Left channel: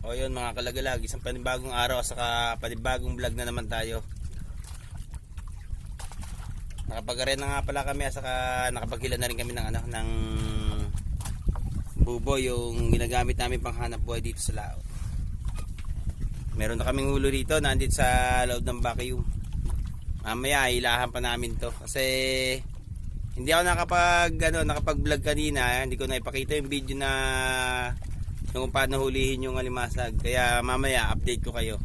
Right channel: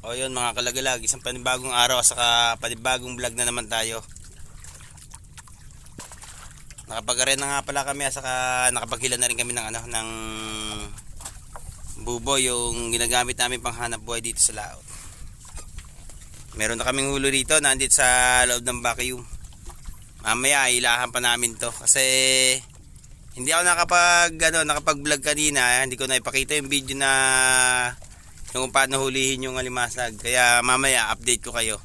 O yun mga kalagalag, isang panibagong araw at saka panibagong vlog na naman tayo. Nakapag-arena nga pala kami at saka nakapaghila na rin kami ng ng buboy, yung ginagamit namin pang hanap buhay dito sa laot. Meron na kaming hulo rito, nandito sa loob ng vacuum. Mamaya ilahan pa namin to kasi hindi ako nakapag-vlog kanina, hindi ko na ipakita yung video na yung paano hulihin yung alimasag. Kaya mamaya update ko kayo.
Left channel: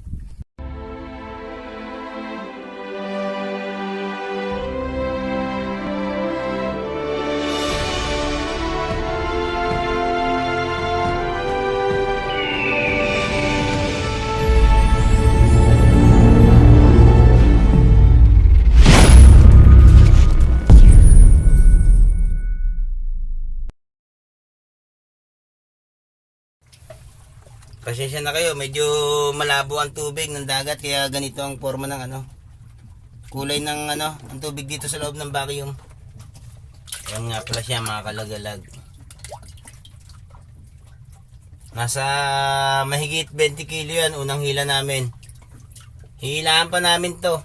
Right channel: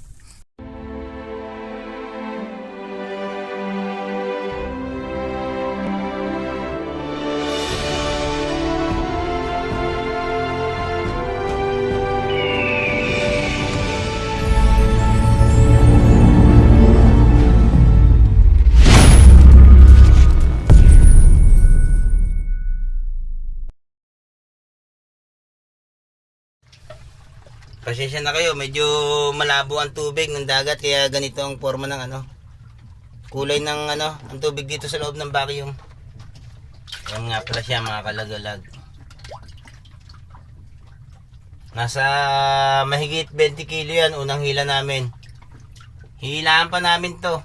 Pasensya na kayo, medyo malabo ang tubig ng dagat kaya ganito ang forma ng kulay ng ang tubig dito sa loob ng vacuum. Ayan nga pala siya mga kalagalag. Nasa mahigit 20 kilo yan, unang hila namin. Hihilaan pa namin to.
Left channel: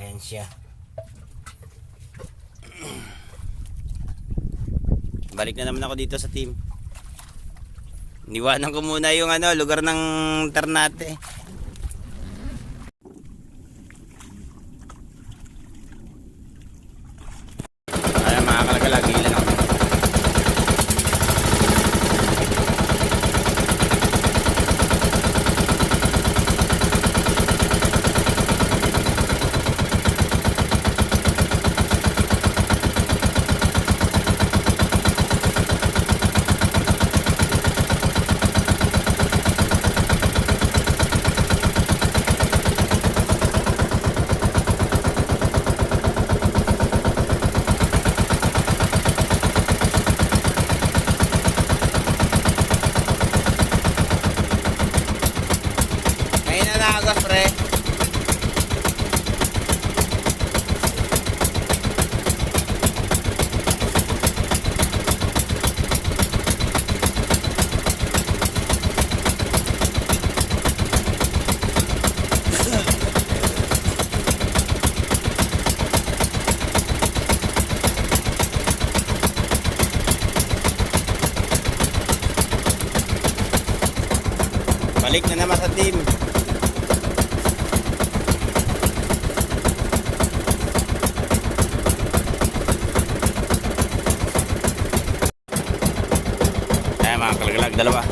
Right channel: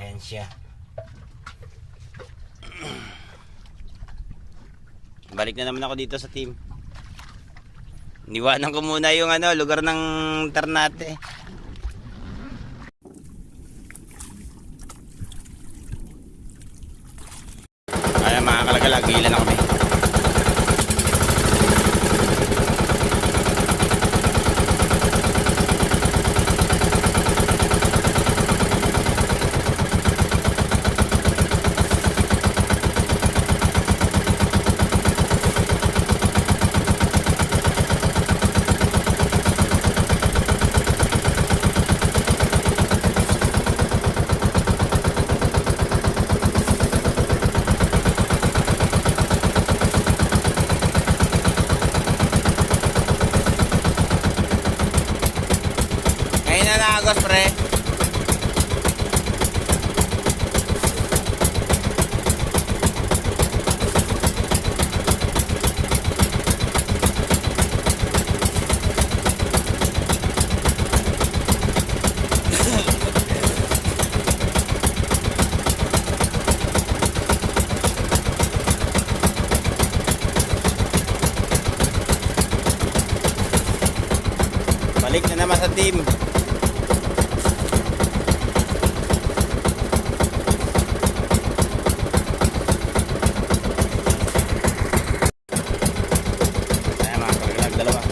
Ayan siya. Balik na naman ako dito sa team. Niwanan ko muna yung lugar ng Ternate. Ayan mga kalagalag, hilan ako. Balik na naman sa team. Ayan mga kalagalag, dalawa.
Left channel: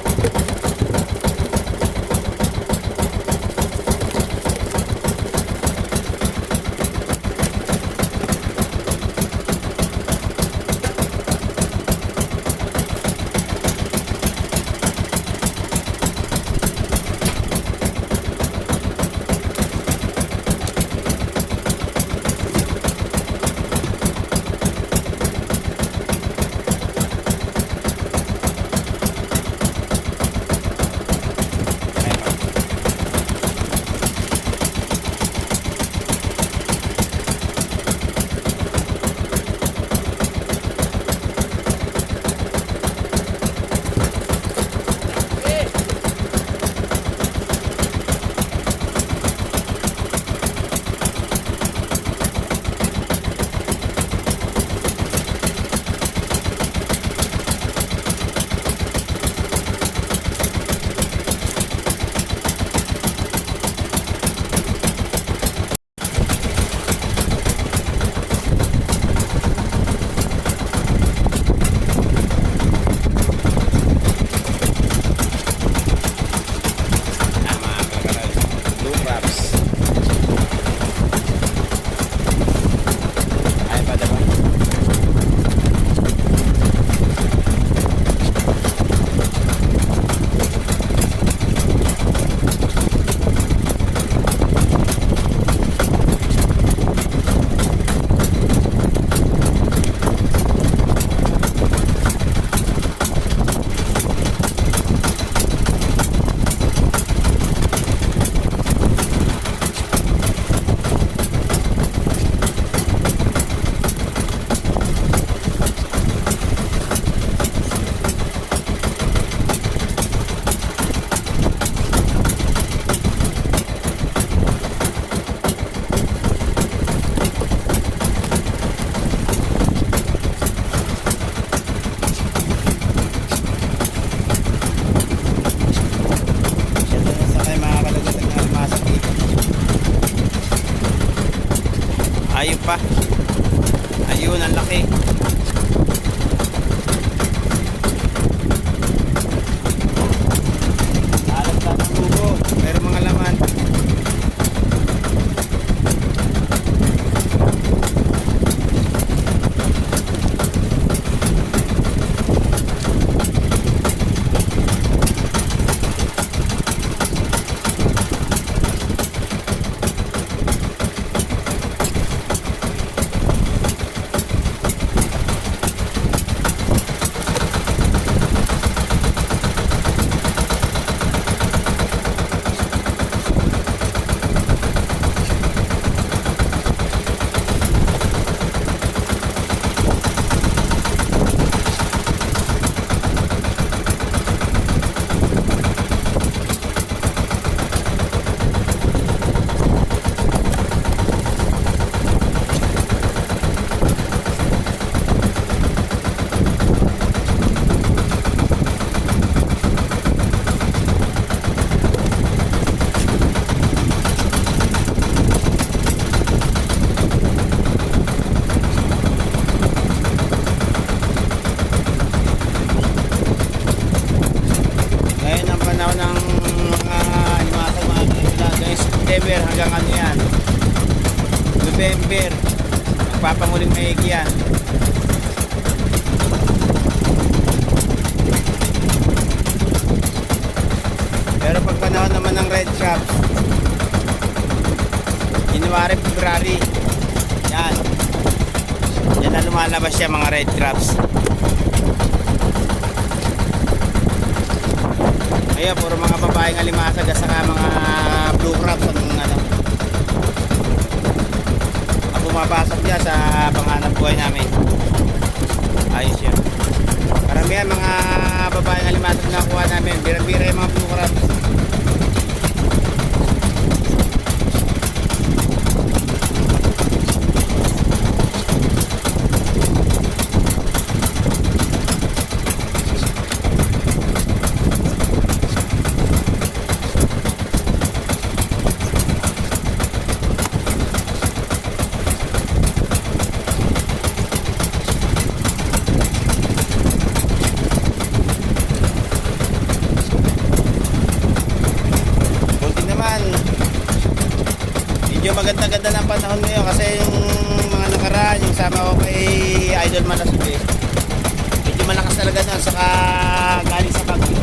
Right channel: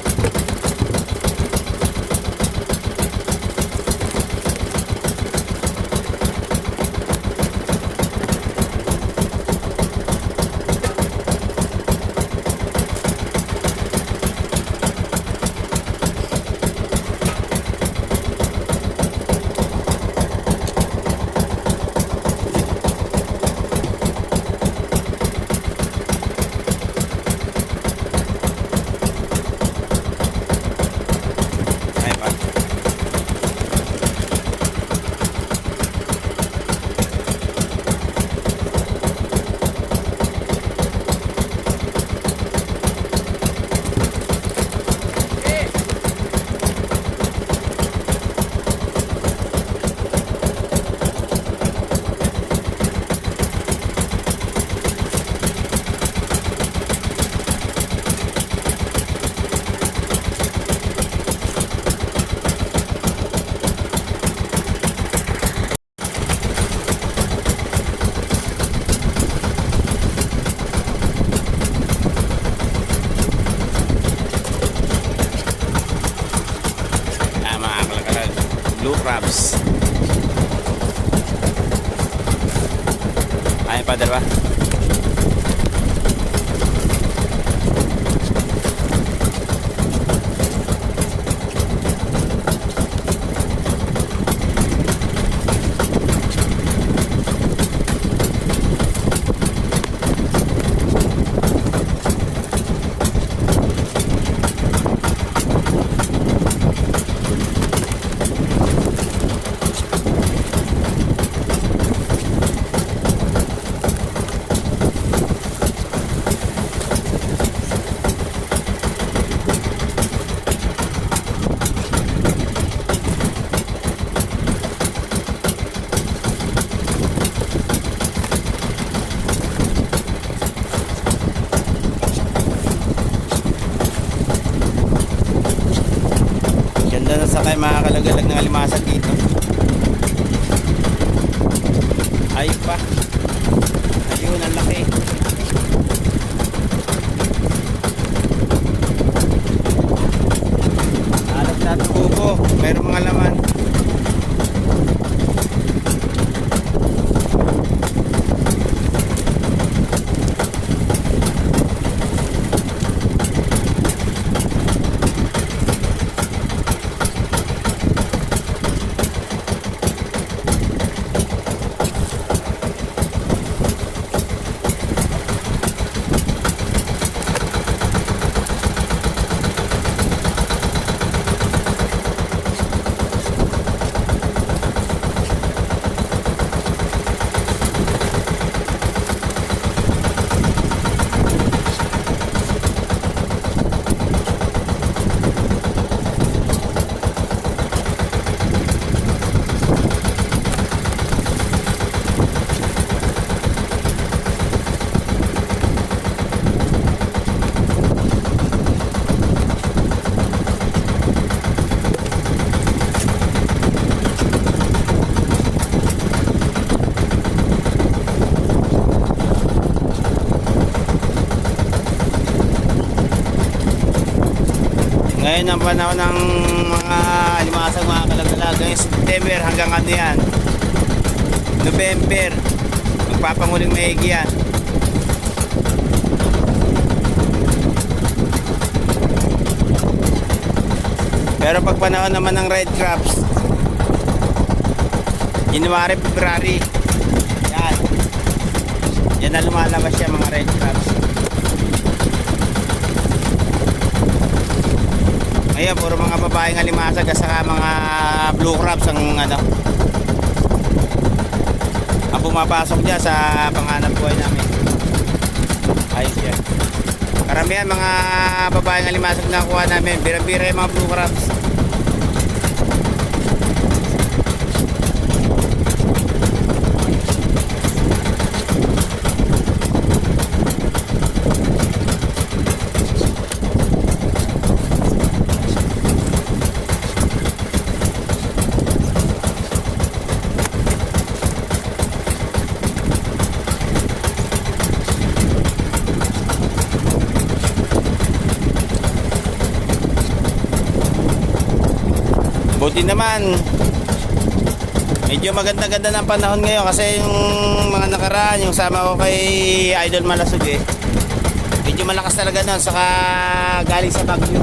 Ayun pa. Ayun, ang laki. Alat na ng tubo. Pero mga laman. Ngayon ang panahon ng mga limasag, mga kalagala. Ngayong September hanggang ano yan, November, magpapanguling maigi yan. Pero pag panahon naman ng red crabs, January, February, yan na lumalabas siya, mga red crabs. Ayan, puro mga babaeng alimasag at saka mga blue crabs ang ano, ang pumapasok dyan sa panghanap buhay namin. Ayos yan. Karamihan mga babaeng alimasag na nakuha namin, bira-bira yung mga blue crabs. Buti naman, medyo maganda-ganda ng panahon ngayon kasi yung mga nakaraan, yung sama ko kay Idol Malasug medyo malakas talaga na, saka galing sa Baguio.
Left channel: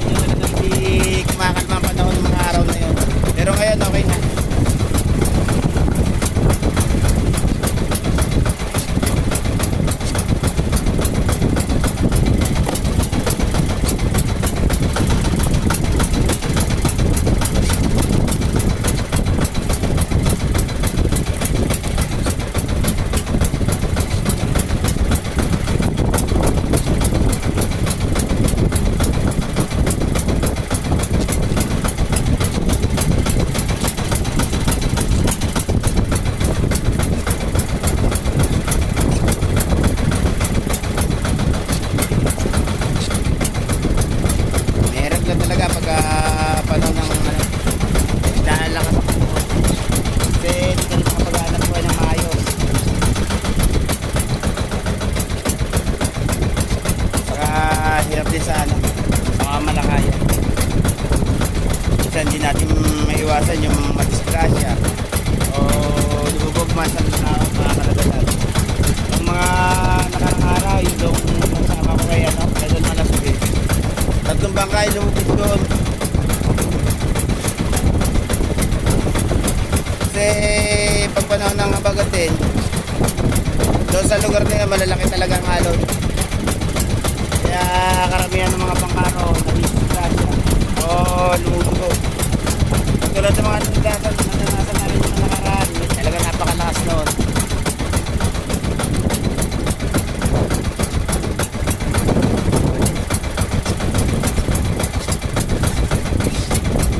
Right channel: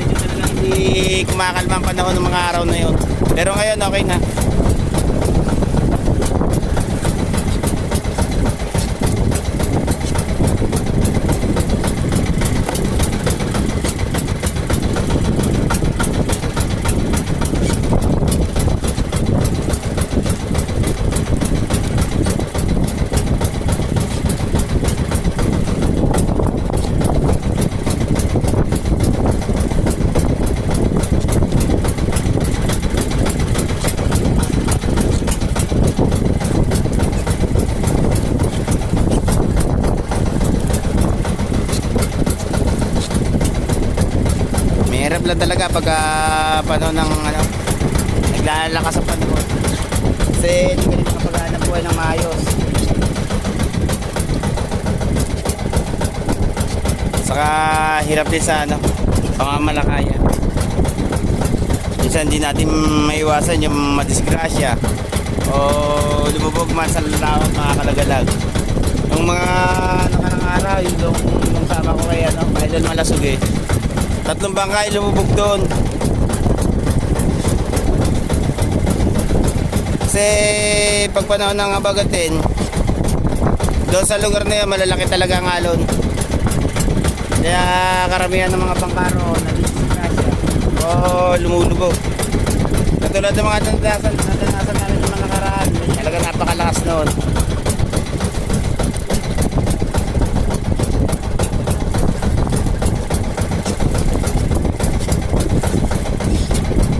Medyo talaga hindi kumakalma ang panahon ng mga araw na yun. Pero ngayon okay na. Lang talaga pag panahon ng ano, naglalakas sa panahon kasi hindi ka rin makapaghanap buhay ng maayos, saka hirap din sa ano, mga malakaya. Minsan hindi natin maiwasan yung madisgrasya o lumubog man sa lawak, mga kalagalag. Yung mga nakarang araw, yung sama ko kay ano, Idol Malasug tatlong bangkay lumubog doon. Kasi pag panahon ng abagatin, doon sa lugar na yan, malalaki talaga ang alon. Kaya karamihan ng mga bangkano nabisipasya o lumulubog. Katulad ng mga tandasan namin yung nakaraan, talaga napakalakas noon.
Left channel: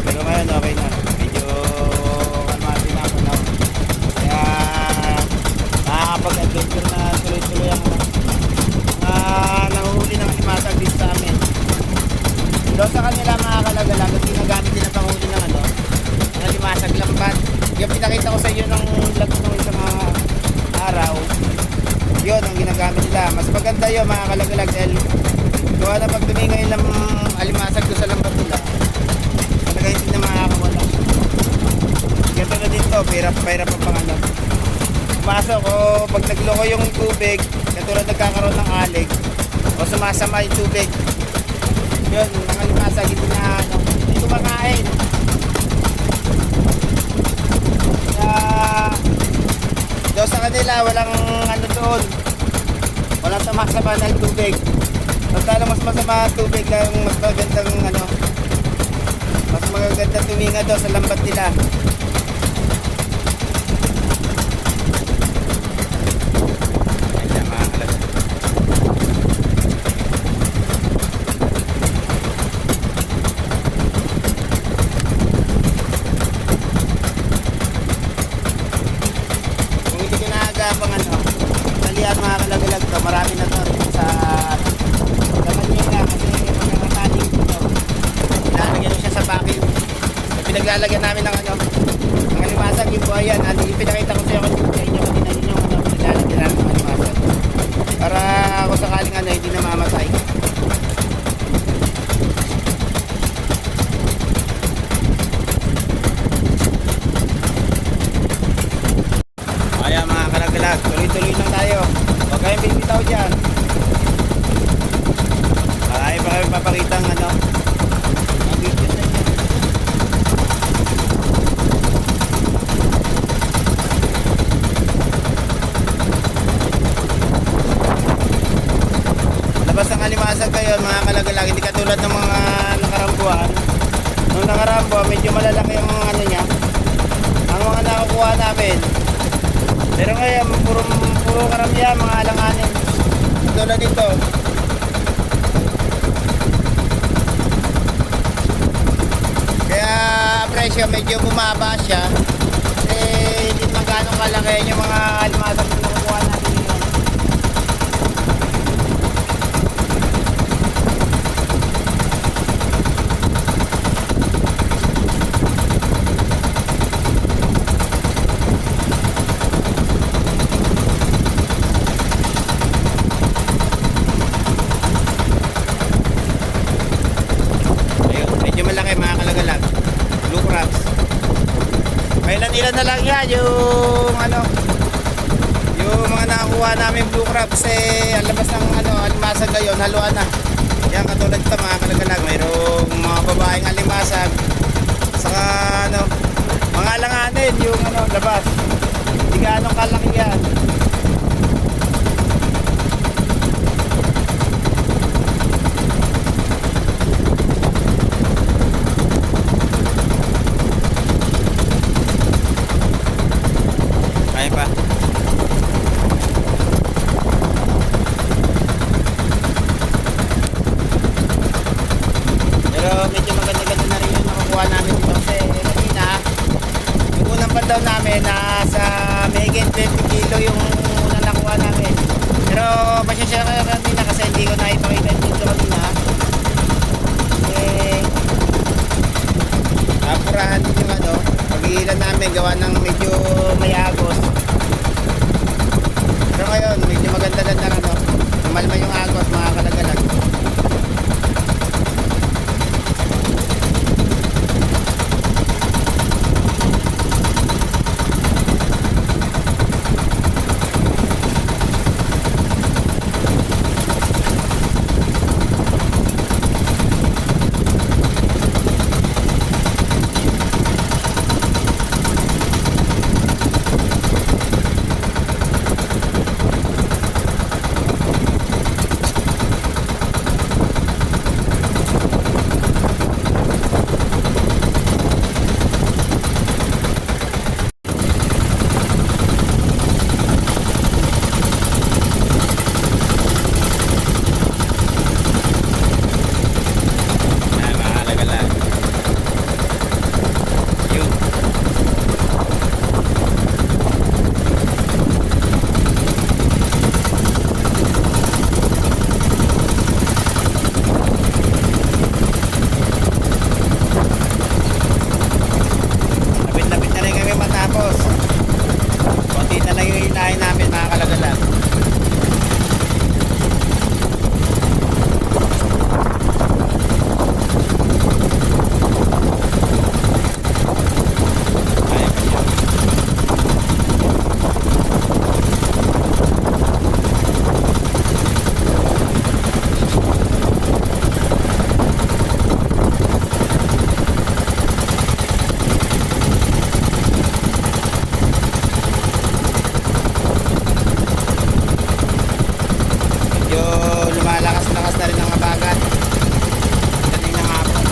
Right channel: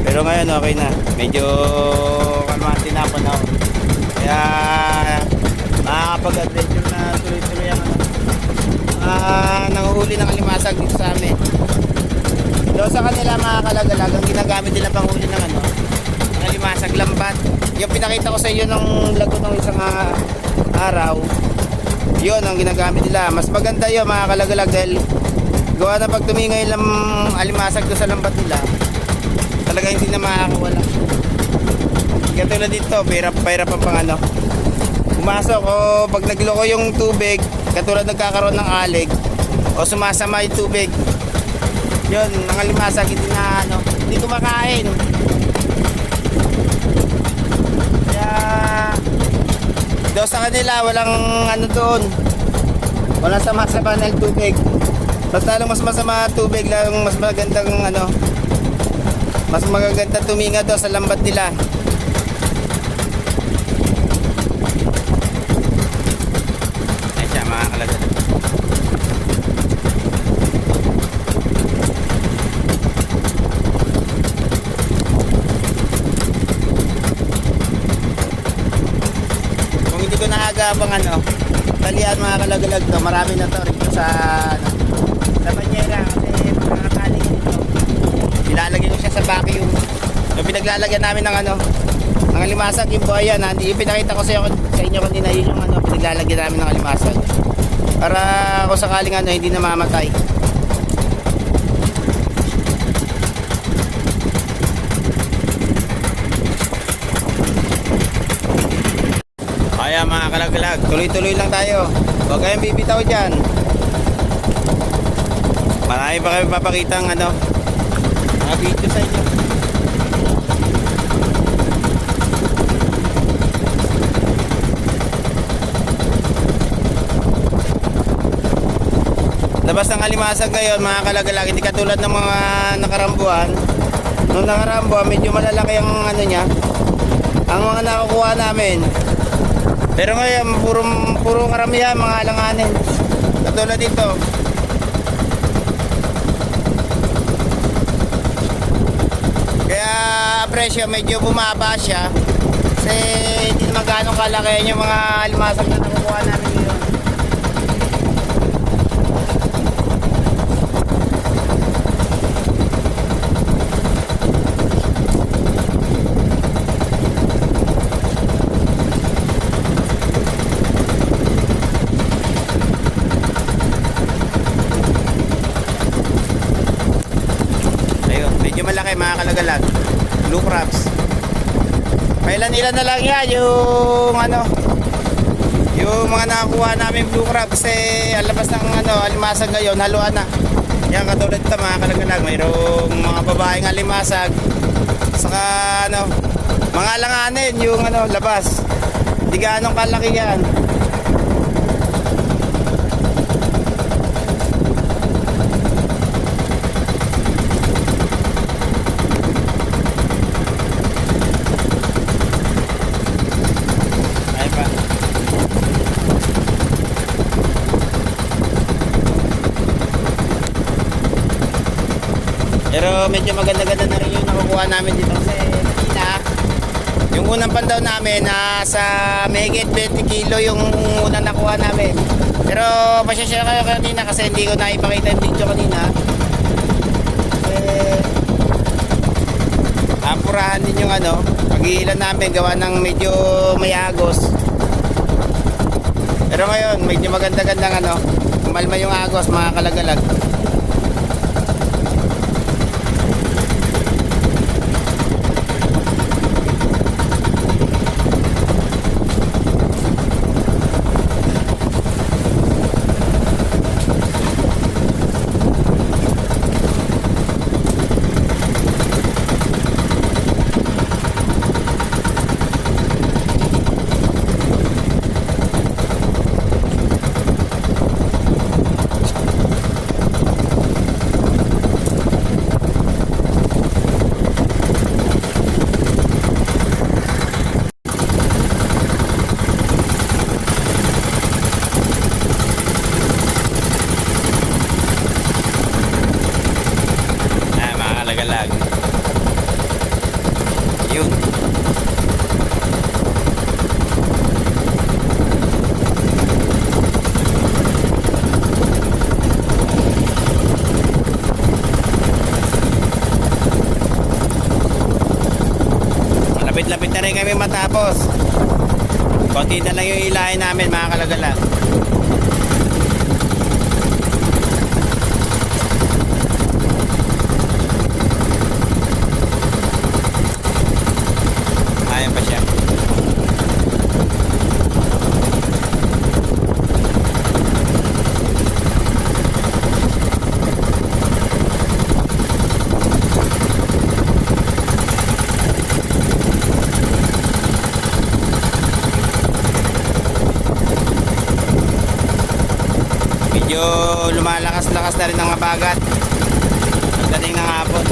Pero ngayon okay na, medyo kamatin na pa na, kaya nakakapag-adventure na tuloy-tuloy ang nanguhuli ng alimasag dito sa amin. Doon sa kanila mga kalagalag, ang ginagamit nila panghuli ng ano, ang alimasag lambat. yung pinakita ko sa iyo ng lago ng isang araw, yun ang ginagamit nila. Mas maganda yun mga kalagalag dahil gawa na pag tumingay lang alimasag ko sa lambat nila, talaga hindi na makakawala. Katulad dito, pahirap pa pang ano. Pumasok o pag nagloko yung tubig, katulad nagkakaroon ng alig o sumasama yung tubig, yun, mga limasag hindi na ano, hindi kumakain. Kaya daw sa kanila walang ano doon, walang sama-sama ng tubig. Pagkala mas masama tubig lang, mas magandang ano, mas magaganda tuminga daw sa lambat nila. Abang ano, talian mga kalagalag to, marami na to sa Banyera kasi nakakaling ito. Ilalagay mo siya sa vacuum. So pinaglalagyan namin ng ano, ng alimasag yung buhayan. Yung pinakita ko sa inyo kanina, yun yung ano, nilalagyan namin ng alimasag. Para kung sakaling ano, hindi na mamatay. Mga kalagalag, tuloy-tuloy lang tayo. Huwag kayong bibitaw dyan. Marami pa kami papakita ng ano, mga video sa inyo. Labas ng alimasag ngayon mga kalagalag, hindi katulad ng mga nakarambuan. Nung nakarambuan, medyo malalaki ang ano niya, ang mga nakukuha namin. Pero ngayon, puro karamihan, mga alanganin. Katulad dito. Kaya presyo medyo bumaba siya. Kasi hindi naman gano'ng kalaki yung mga alimasag na nakukuha natin ngayon. Malaki mga kalagalag, blue crabs. Ilan na lang yan yung ano, yung mga nakakuha namin blue crabs ang labas ng ano, alimasag ngayon, haluan na. Yan katulad ito mga kalagalag, mayroong mga babaeng alimasag saka ano, mga alanganin yung ano, labas. Hindi gaanong kalaki yan. Pero medyo maganda-ganda na rin yung nakukuha namin dito kasi kanina yung unang pandaw namin nasa mahigit 20 kilo yung unang nakuha namin. Pero pasensya kayo kanina kasi hindi ko naipakita yung video kanina kasi akurahan din yung ano, pag-iilan namin gawa ng medyo may agos. Pero ngayon medyo maganda-gandang ano, umalma yung agos mga kalagalag. kami matapos. Konti na lang yung hilahin namin mga kalagala. Ayan pa siya. Medyo lumalakas-lakas na rin ang habagat. Kanina ng hapon.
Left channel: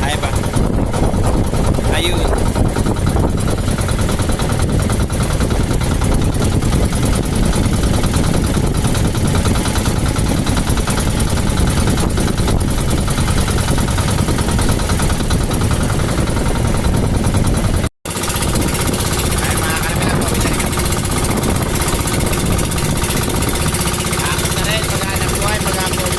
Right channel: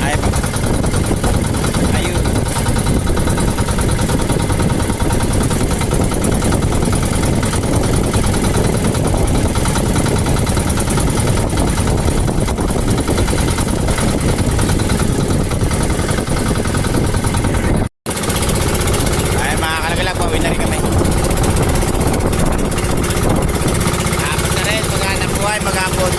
Ay ba? Ayun. Ay mga kalagala, pauwi na rin kami. Apat na rin, paghanap buhay, maghapon.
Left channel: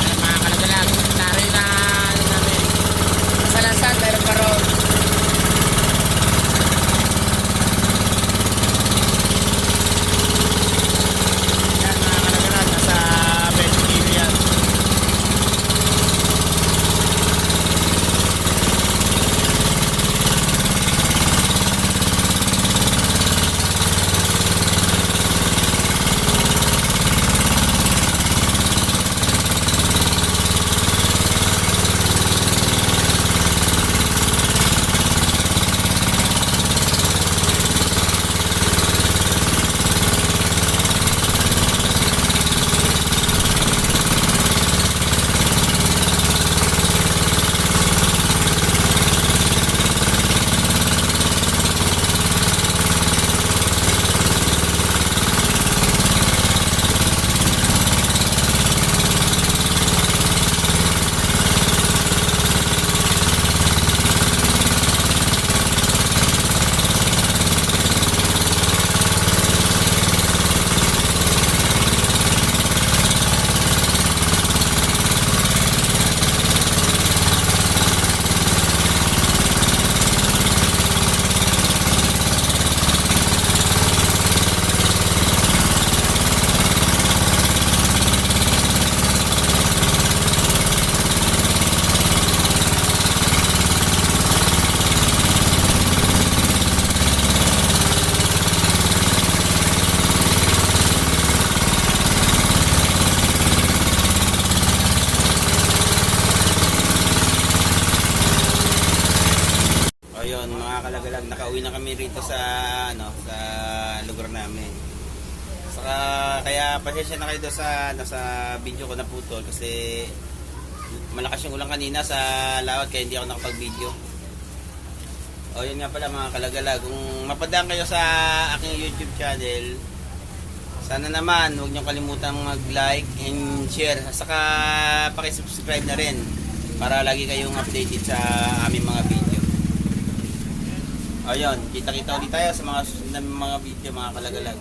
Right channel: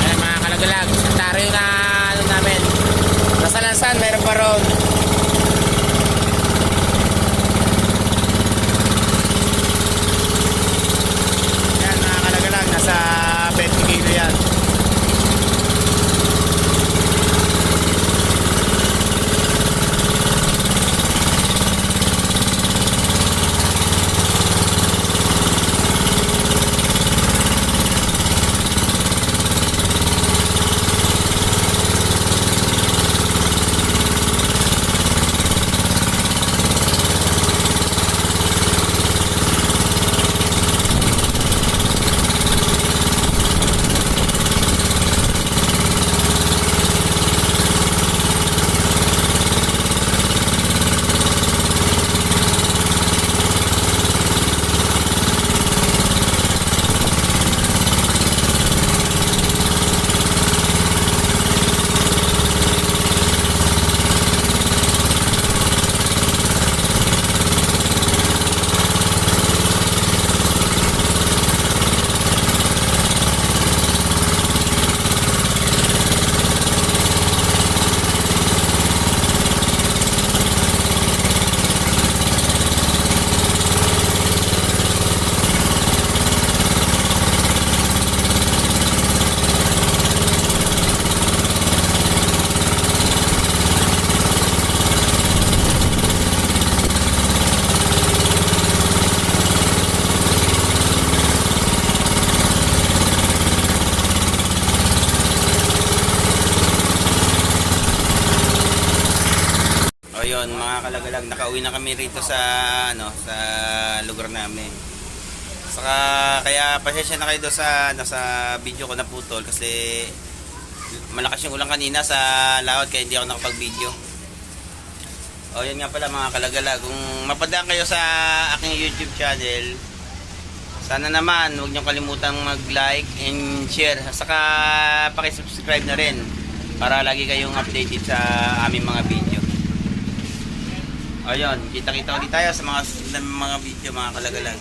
Ayan mga kalagalag, ang dami na ano namin. Nasa Lansan, meron pa roon. Ayan mga kalagalag, nasa 20 kilo yan. O yun, mga kalagalag, nakauwi na kami rito sa sa lugar namin. Saka kaya pasensya na kayo doon sa video ko na putol kasi malakas yung ulan kanina sa laot kaya hindi ako nakapag-video. O yun nga pala mga kalagalag, kung mapadaan kayo sa aking YouTube channel, sana naman huwag niyo kalimutang mag-like and share. Saka paki-subscribe na rin para lagi kayong updated sa aming mga video. Ayun, kita-kita ulit tayo sa mga susunod na mga video mga kalagalag.